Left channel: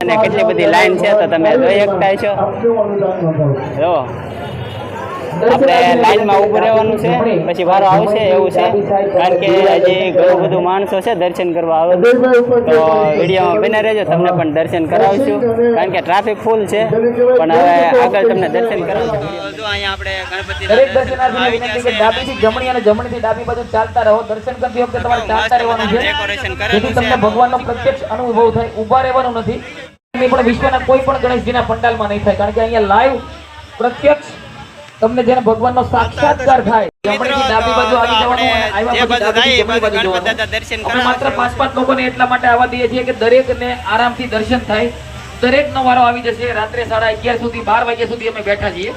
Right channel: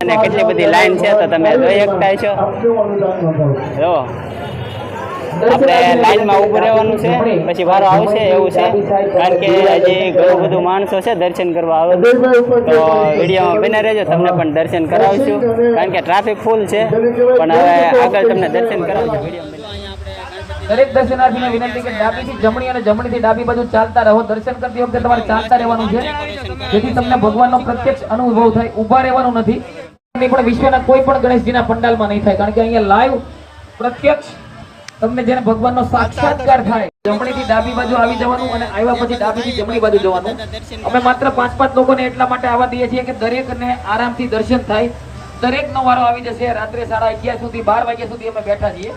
અને કેટલી બધી લાઈન છે તો તમે જોઈ શકતા છો. જો આપણે લાઈનમાં ઊભું રહેવાનું છે, પછી વારો આવશે એવું છે. કારણ કે હજી ઘણું બધું માણસો છે દર્શન કરવા આવે, તો વિડીયોમાં બને રહેજો, તમને પણ દર્શન કરાવશું. કારણ કે ટ્રાફિક ફૂલ છે, પણ હવે આગળ તમને દર્શન કરાવશું. અહીંયા આપણે ગણપતિના દર્શન કરવા આવી ગયા છે. જમણી અને જમણીથી ડાબી બાજુ ચાલતા રહો. દર્શન કરતી વખતે તમારે ચાલતા રહેવાનું છે, ડેકોરેશન કરેલું છે. તમને ભગવાનનો પ્રત્યક્ષ અનુભવ થાય. ઊભા રહેવાનું નથી. પણ વિશ્વના કોઈ પણ ગણેશજીના પંડાલમાં નહીં થાય, કારણ કે અહીંયા લાઈવ પ્રત્યક્ષ તમને જેને ભગવાનનો સાક્ષાત્કાર થાય. જમણીથી ડાબી બાજુ આવી જવાનું, આવ્યા પછી ડાબીથી જમણી બાજુ જવાનું. અમે માત્ર 5-5 લોકોને એટલા માટે આવવા દઈએ છીએ કે દરેકને આરામથી દર્શન થાય. દરેકનો વારો આવી જશે. રાત્રે 11:30 સુધી 12 વાગ્યા સુધી અમે બેઠા છીએ.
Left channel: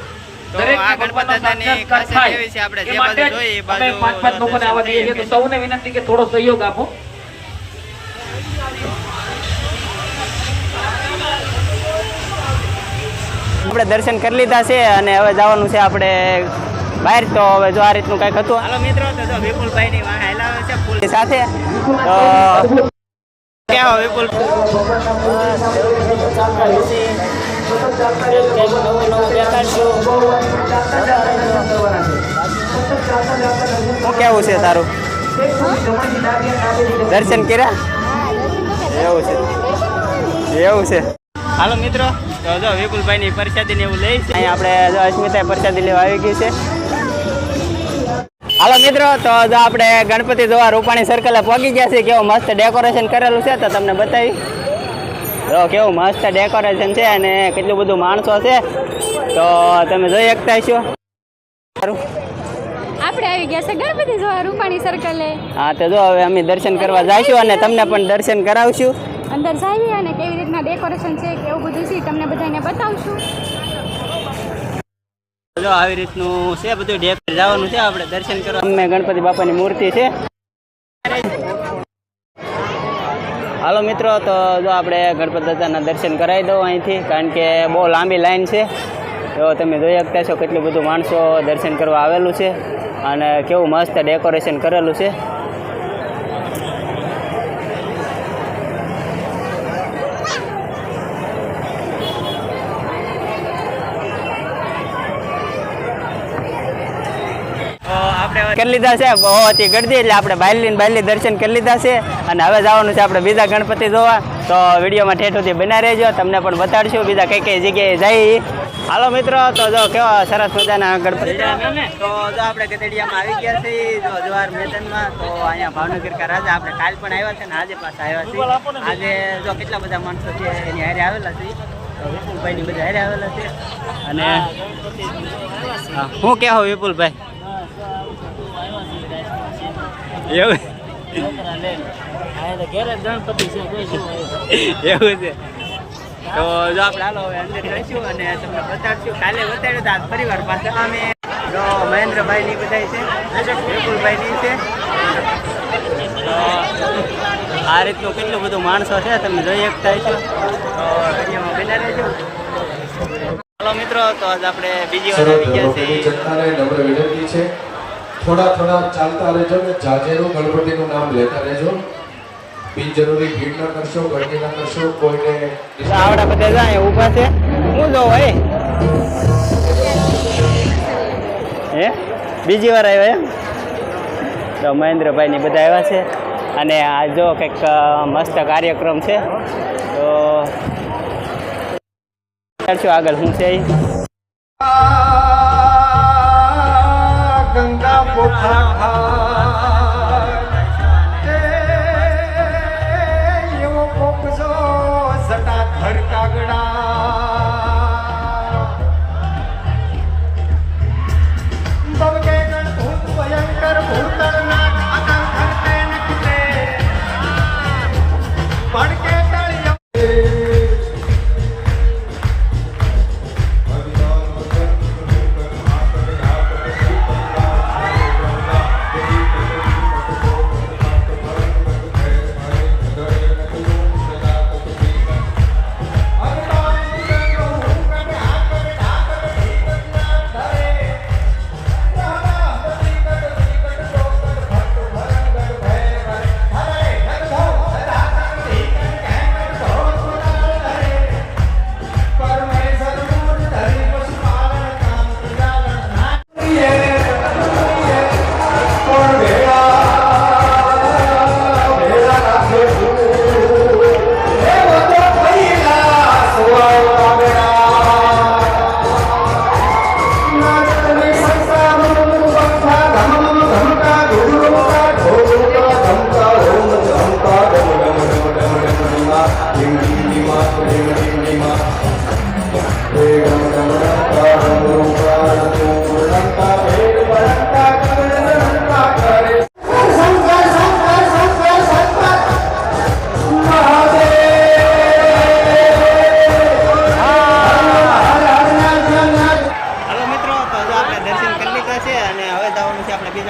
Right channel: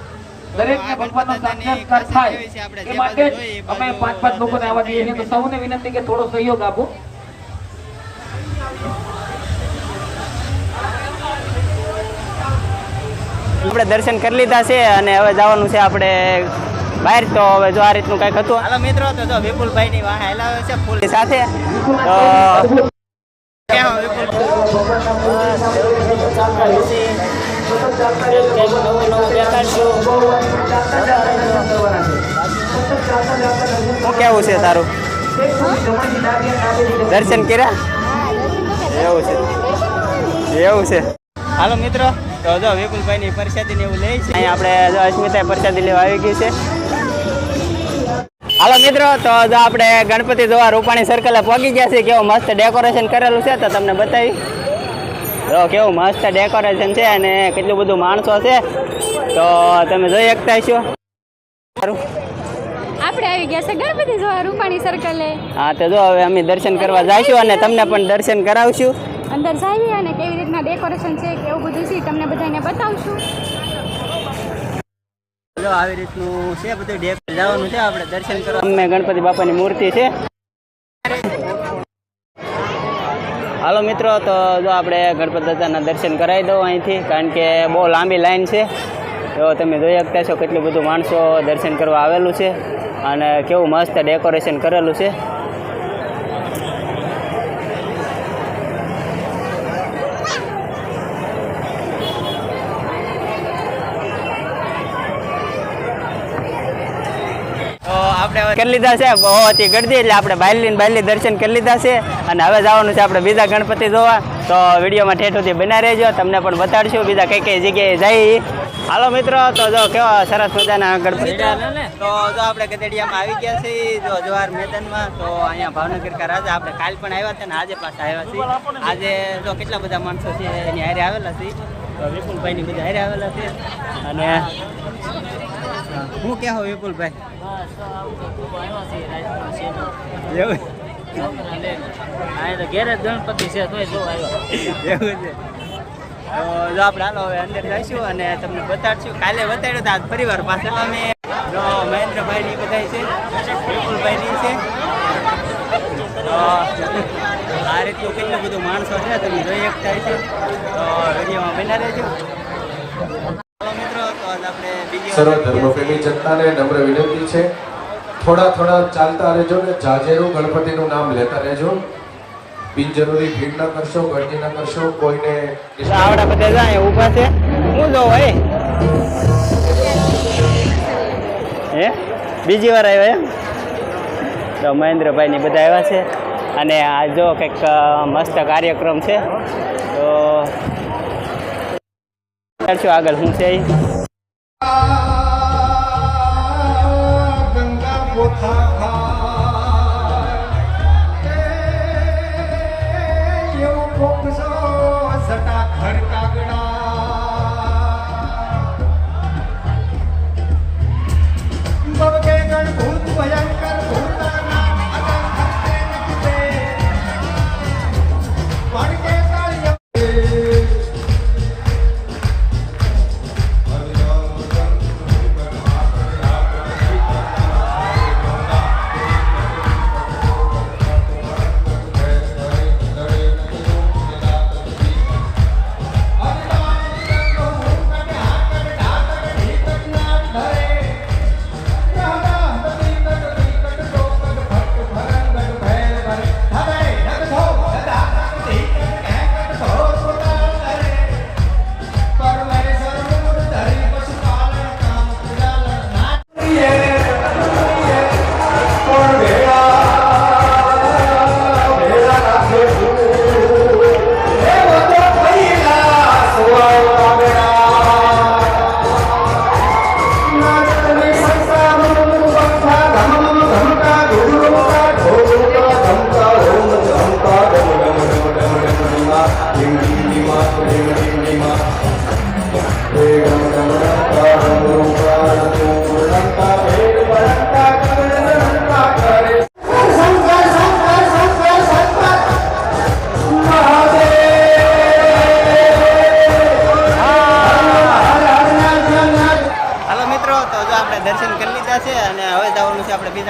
દરેક ગણપતિની ખાસિયત એવી છે, આપણે જે બાજુ જોઈએ એ બાજુ 5-5 લોકોને આવવા દઈએ છીએ. તો સૌને વિનંતી કે થોડો સહયોગ આપો. આપણે દર્શન કરી લીધા છે અને હવે જવાનું છે આપણે બહાર. તો હવે જો આ રીતનું કંઈક હતું. હાલો મિત્રો, તો જો વિપુલભાઈ ની વાહ હેલાવે છે ફૂલ સાથે. તો કેવો વિપુલ શું કેવું છે તારું? દર્શન કર્યા? એવું છે. હાલો મિત્રો, તો જો વિપુલભાઈ ની પ્રસાદી ને એવું લઈ છે. અહીંયા આપણે જો અસ્મિતા પ્રસાદી લેવા આવી ગઈ છે. હાલો મિત્રો, તો જો આપણે ગણપતિ જોવા રૂપાણી સર્કલે પહોંચી ગયા છે. કેવું મસ્ત ડેકોરેશન કરેલું છે, તો તમને બતાવી. જો કેવું મસ્ત ડેકોરેશન છે અને કેટલું બધું માણસો છે, તો તમે જોઈ શકતા છો. આપણે આવી ગયા છે ગણપતિ જોવા રૂપાણી સર્કલે. હા, તો જો હવે અમે દર્શન કરવા જઈશું અને તમને પણ દર્શન કરાવશું. અંદર જઈએ અને કેવી રીતના ડેકોરેશન છે કે એવું બધું છે તમને બધાને બતાવશું. જો આવી રીતનું છે બધું. ડેપર જવાનું છે આપણે દર્શન કરવા. અમે ગણપતિ બાપાની મૂર્તિ છે. હાલો મિત્રો, તો જો આપણે ગણપતિ દાદાના દર્શન કરાવી દઉં અહીંથી, કારણ કે બહુ લાંબી લાઈન છે. તો તમે જોઈ શકતા છો કેટલું બધું માણસો દર્શન કરવા આવેલું છે અને કેવું મસ્ત ડેકોરેશન કરેલું છે. કરી લીધા છે બહુ હતી ગળદી, એટલે આપણે બાયલી દર્શન કરી લીધા છે અને હવે જવાનું છે આપણે બીજા ગણપતિ જોવા. તો વિડીયોમાં ઠેઠ સુધી બના રહેજો, તમને પણ બતાડશું બીજા કઈ જગ્યાએ જઈ. હાલો મિત્રો, તો જો કેવા સરસ મજાના ગણપતિ. તો જો આપણે ગધેડિયામાં આવી ગયા છીએ, જો જવાહર મેદાનમાં. તો અહીંયા ભાવનગર કા રાજા આપણે કાલ પણ આવ્યા હતા ને આજે પાછા આવ્યા છીએ. આજે જો કેટલા બધા માણસો છે એની હારે આવેલા છે. તો વિપુલભાઈની બધા હારે આવેલા છે. અને શું કહેવો વિપુલભાઈ? એવું છે. તો જો આપણે હાલો હવે અંદર જઈશું અને તમને બતાડશું. કાલે બતાડ્યું તો આજ ફરીવાર પાછા અમે જો મહેન્દ્રભાઈ ની બધા છે, વિપુલભાઈ ની છે. તો આ રીતનું કેટલું બધું માણસો છે તમે જોઈ શકતા છો. તો વિડીયોમાં બના રહેજો. હાલો મિત્રો, તો આજ આપણે બીજી વાર જનતાને નમ્ર વિનંતી છે, થોડા ચાલતા રહેજો ને જાજેરો ગણપતિનું નામ લેતા રહેજો. બિનજરૂરી ભીડ ના કરશો, ગરદી ના કરશો. કોઈને આવડા બધા જાય ઊભા છે. હું જો ભાઈ હે બીજી વાર આવ્યા એમ. તો મહેન્દ્રભાઈ ની બધા આવ્યા છે અને આ જો કંઈક મસ્ત કાર્યક્રમ છે. તો આગળ શું છે ગંગા પોખરા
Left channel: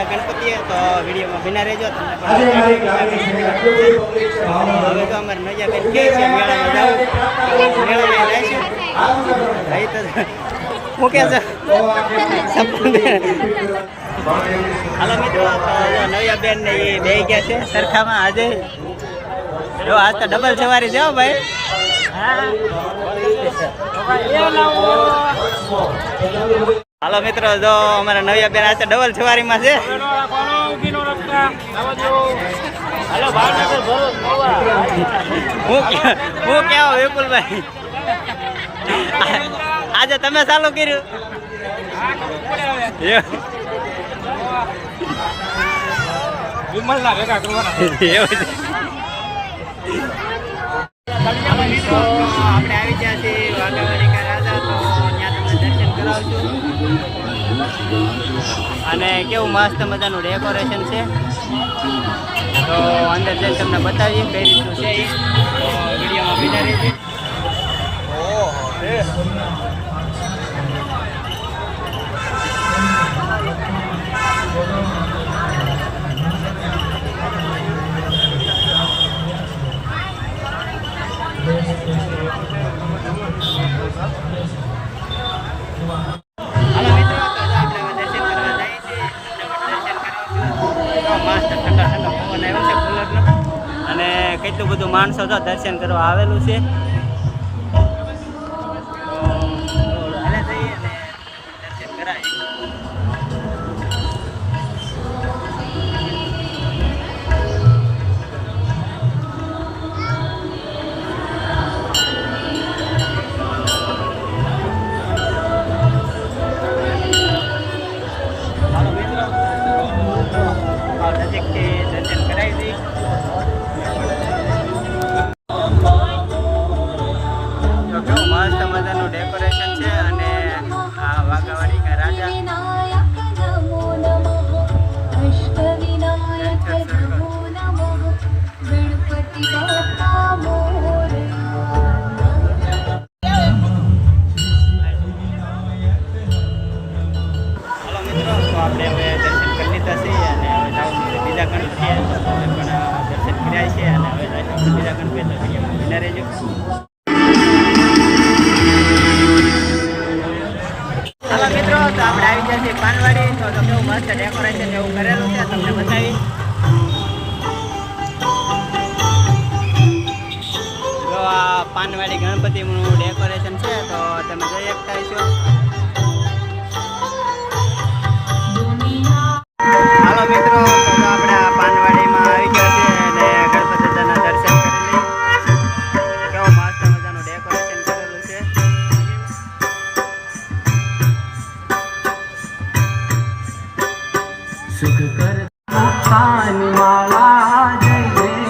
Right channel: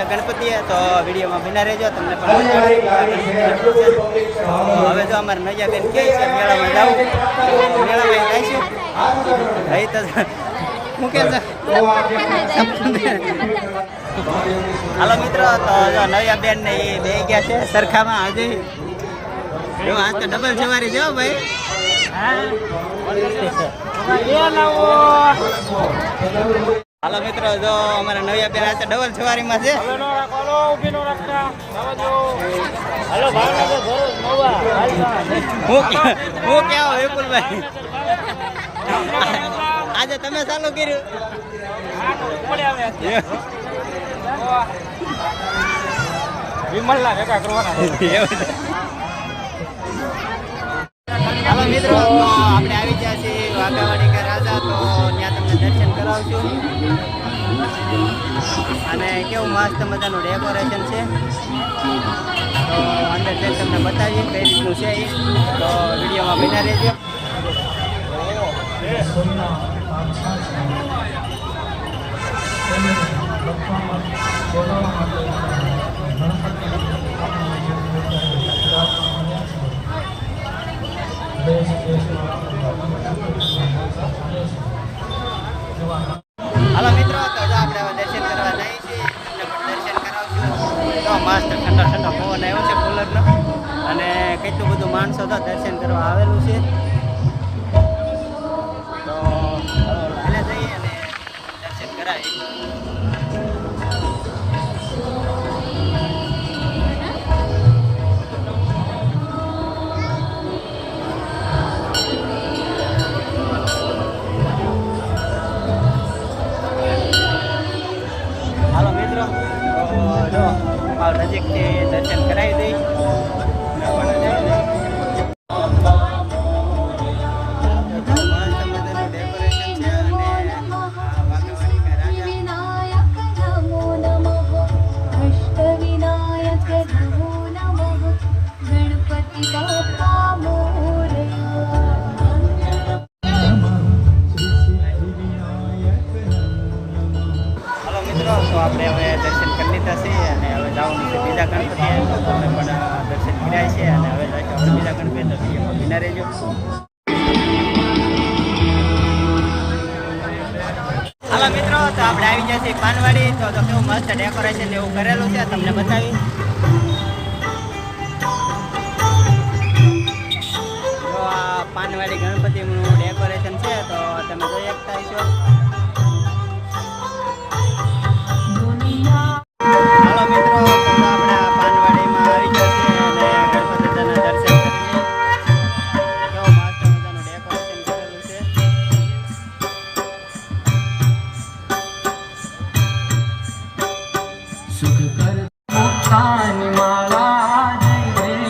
ગણપતિએ. તો વિડીયોમાં બિના રહેજો, તમને પણ બતાડું બીજા ગણપતિના દર્શન. તો હવે જો અમારે નૈયાબેન કહે છે મેળામાં જવું, તો મેળામાં એ જઈશું. અહીં તો હું કે છે હાલો મિત્રો, તો જો નવ્યાબેન ને એ બે ગયા છે સરખામાં આજે. જો આજ તો ડબલ સવારી છે ભાઈ. હાલો મિત્રો, જો અમારા નવ્યાબેન આજે ડબલ સવારીમાં છે. હું કેવો વિપુલભાઈ, આજે તમે ચાલુ કર્યું? હાલો મિત્રો, તો આપણે આવી ગયા છીએ વાઘાવાડી કા રાજા. તો ત્યાં તમને દર્શન કરાવશું અને કેવું મસ્ત મજાનું ડેકોરેશન છે. તો અંદર જઈને તમને બતાવીએ કઈ રીતનું છે એ. તો વિડીયોમાં બિના રહેજો. હાલો મિત્રો, તો આપણે હવે દર્શન કરવા જઈએ છીએ. તમને પણ દર્શન કરાવશું. તો મસ્ત ઠંડો ઠંડો પવન આવ્યો છે કુલરનો, અને કેટલું બધું માણસો તો દર્શન કરવા આવેલું છે. તો હાલા જઈએ અને દર્શન કરાવીએ. હાલો મિત્રો, તો જો નજીકથી દર્શન કરાવી દઈ. તો કેવું મસ્ત મજાનું ડેકોરેશન છે. અને આ વાઘાવાડી કા રાજા હાલો મિત્રો, તો આપણે હવે દર્શન કરી લીધા છે અને હવે જવાનું છે બીજા ગણપતિ. તો તમે પણ દર્શન કર્યા છે અને હવે જઈશું આપણે બીજા ગણપતિ. તો વિડીયોમાં બિના રહેજો. હાલો મિત્રો, તો આપણે આવી ગયા છીએ પાનવાડી. તો કેવું મસ્ત ડેકોરેશન એવું કરેલું છે, તમને બતાવી. જો આ પાનવાડી ગણપતિનું ડેકોરેશન છે, તો તમે જોઈ શકતા છો. હાલો મિત્રો, તો આપણે આ પાનવાડીમાં આવી ગયા છીએ અને ગણપતિ દાદાના દર્શન કરી લઈએ. કેવું મસ્ત મજાનું ડેકોરેશન કરેલું છે. સુખ કર મુક્તાની માળા, જય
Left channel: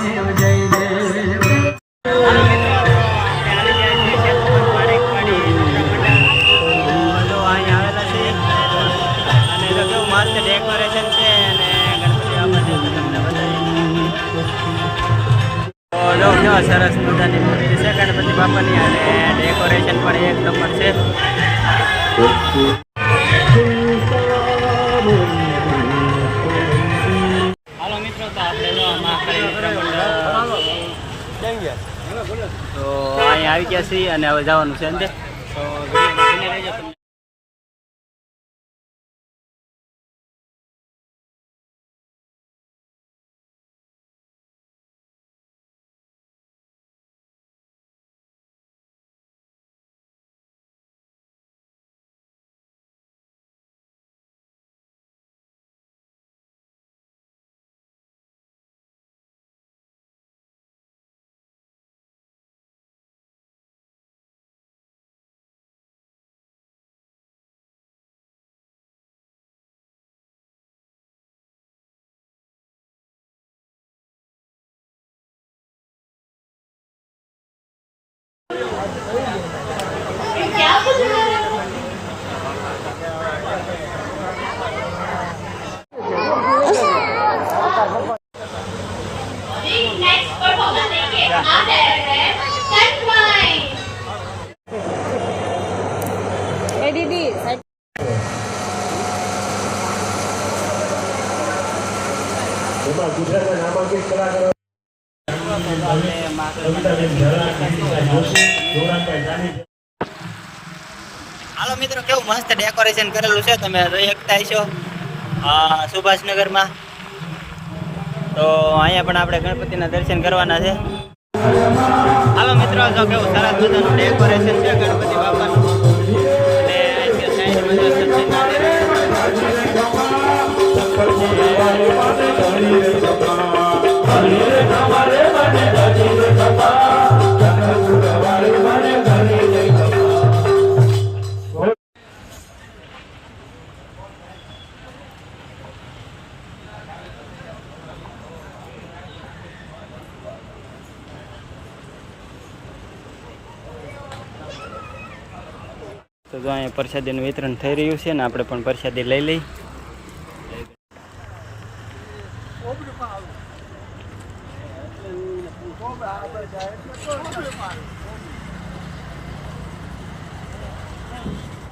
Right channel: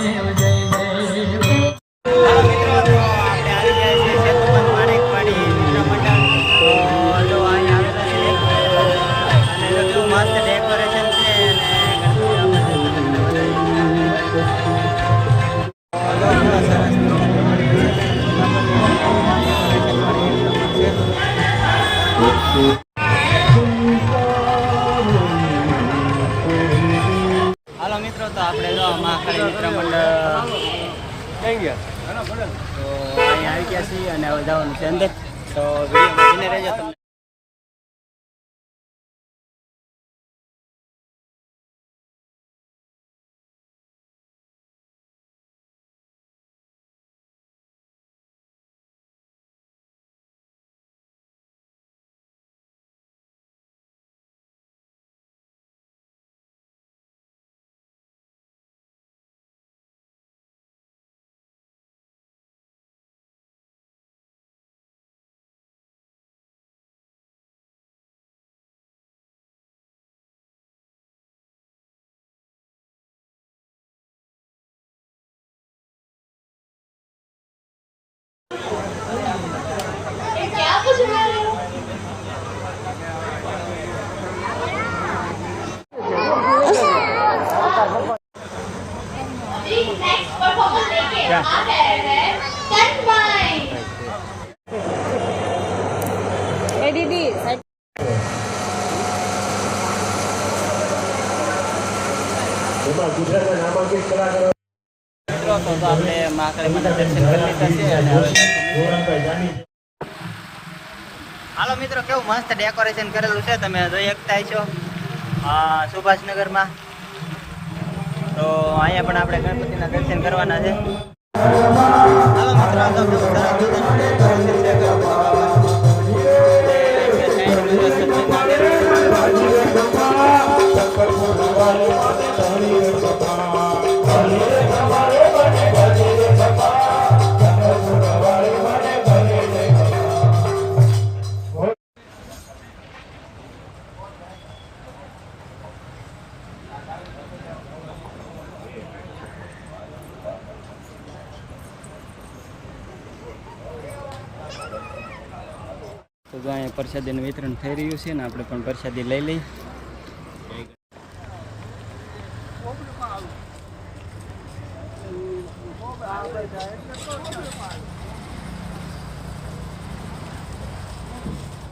દેવ જય દેવ. હાલો મિત્રો, તો આપણે આવી ગયા છીએ સેતુમાન માણેકવાડી મિત્ર મંડળ. તો જો અહીંયા આવેલા છે અને તો કેવું મસ્ત ડેકોરેશન છે અને ગણપતિ બાપા છે તો તમને બતાવીએ. તો જો કેવા સરસ મજાની મૂર્તિ છે ગણપતિ બાપાની, અને ડેકોરેશન પણ એક નંબર છે. હાલો મિત્રો, તો આપણે જો મહાકાળી મિત્ર મંડળ તો અહીંયા આવી ગયા છીએ અને હવે જવાનું છે અંતે. તો વિડીયોમાં બને રહેજો. તમને એમાં ગુજરાતના નામાંકિત કલાકારો તો આપણે મહાકાળીમાના દર્શન કરી લીધા છે અને હવે હાલો મિત્રો, કેવું મસ્ત ડેકોરેશન કરેલું છે, તમે જોઈ શકતા છો સુભાષનગરમાં. તો અહીંયા પણ આપણે ગણપતિના દર્શન કરવાના છે. હાલો મિત્રો, જો કેવું સરસ મજાનું ડેકોરેશન છે ગણપતિ બાપાનું. અને અહીંયા સાઈડમાં જો સત્સંગ તો જો અહીંયા પ્રસાદીનું વિતરણ થઈ રહ્યું છે ને આપણે પણ પ્રસાદી લઈ લઈ.